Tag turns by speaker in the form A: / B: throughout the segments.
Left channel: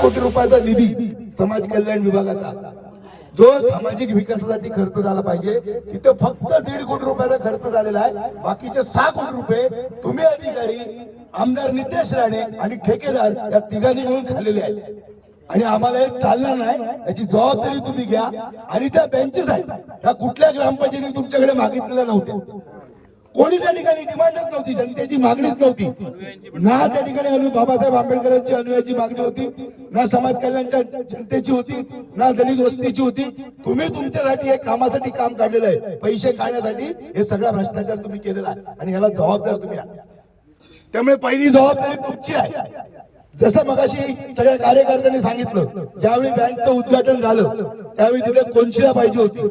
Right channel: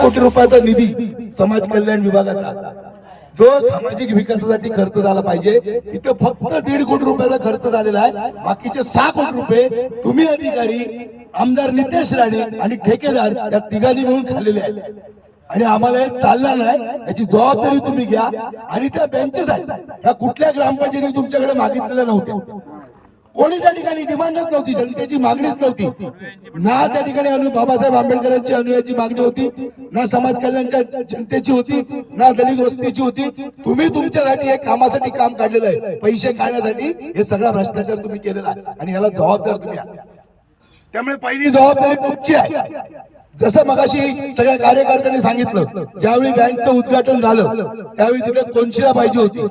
A: कोटी रुपयाचा निधी समाज कल्याण विभागाचा जो सामाजिक विकासासाठी खर्च झाला पाहिजे तिथं फक्त दीड कोटी रुपयाचा खर्च झालेला आहे. बाकीचे सहा कोटी रुपये तुम्ही अधिकारी आमदार नितेश राणे आणि ठेकेदार या तिघांनी मिळून खाल्लेले आहेत. आणि आम्हाला हे चालणार नाही याची जबाबदारी तुम्ही घ्या. आणि त्या बँचेस आहेत त्या कुठल्या ग्रामपंचायतीने तुमच्याकडे मागितलेल्या नव्हत्या. कोणी त्या ठिकाणी डिमांडच नव्हती जनतेची मागणीच नव्हती. ना त्या ठिकाणी अनु बाबासाहेब आंबेडकरांची अनुयाची मागणी होती ना समाज कल्याणच्या जनतेची होती ना दलित वस्तीची होती. तुम्ही तुमच्यासाठी हे कामासाठी काम काढलेलं आहे. पैसे काढण्यासाठी हे सगळा भ्रष्टाचार तुम्ही केलेला आहे आणि याला जबाबदार तुम्ही त्यामुळे पहिली जबाबदारी तुमची आहे. जसं मगाशी सगळ्या कार्यकर्त्यांनी सांगितलं ज्यावेळी बँकचं उद्घाटन झालं त्यावेळी तिथे कोणशिला पाहिजे होती.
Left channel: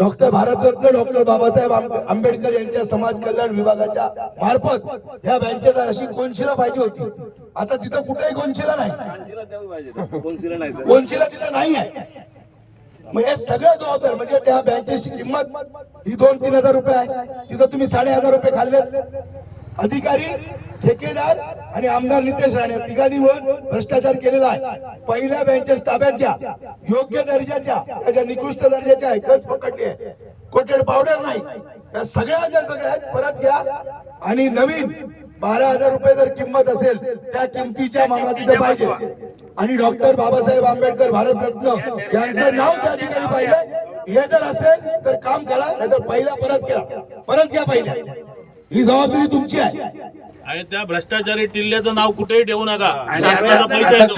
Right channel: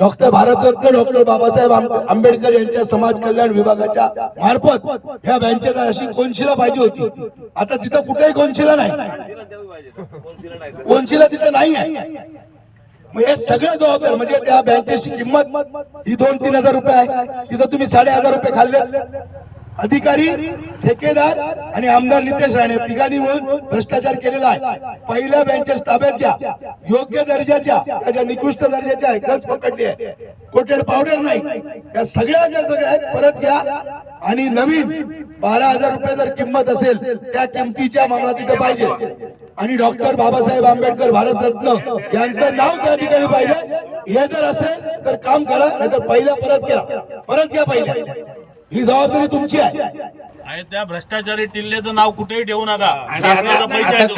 A: डॉक्टर भारतरत्न डॉक्टर बाबासाहेब आंबेडकर यांच्या समाज कल्याण विभागाच्या मार्फत ह्या बँकेत अशी कोनशिला पाहिजे होती. आता तिथं कुठेही कोनशिला नाही. कोनशिला तिथं नाही आहे मग हे सगळं जबाबदार म्हणजे त्या बँकेची किंमत ही दोन तीन हजार रुपये आहे. तिथं तुम्ही साडे हजार रुपये खाल्ले अधिकारी ठेकेदार आणि आमदार नितेश राणे तिघांनी मिळून भ्रष्टाचार केलेला आहे. पहिल्या बँचेस ताब्यात घ्या. योग्य दर्जाच्या त्याच्या निकृष्ट दर्जाच्या आहे खर्च पकडली आहे कोटेड पावडर नाही. त्या सगळ्या ज्या सगळ्या आहेत परत घ्या. आणि नवीन बारा हजार रुपये जर किंमत असेल त्या किमतीच्या मामला तिथे पाहिजे. आणि डॉक्टर बाबासाहेब आंबेडकर भारतरत्न यांचं नाव त्या ठिकाणी पाहिजे. हे जर असेल तर काम करा नाहीतर पहिल्या परत घ्या. परत घ्या पहिल्या ही जबाबदारी तुमची आहे.
B: आणि त्या भ्रष्टाचारी टिल्लेचं नाव कुठेही ठेवू नका. शासनाचा पैसा येतो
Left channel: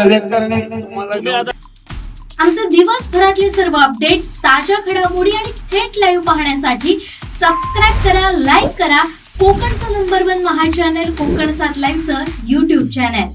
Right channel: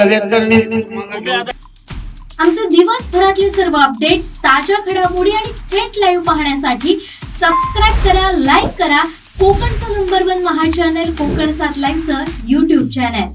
C: आमचे दिवसभरातले सर्व अपडेट्स ताज्या घडामोडी आणि थेट लाईव्ह पाहण्यासाठी सबस्क्राईब करा लाईक करा. कोकणचं नंबर वन महा चॅनल कोकण सात लाईनचं युट्यूब चॅनल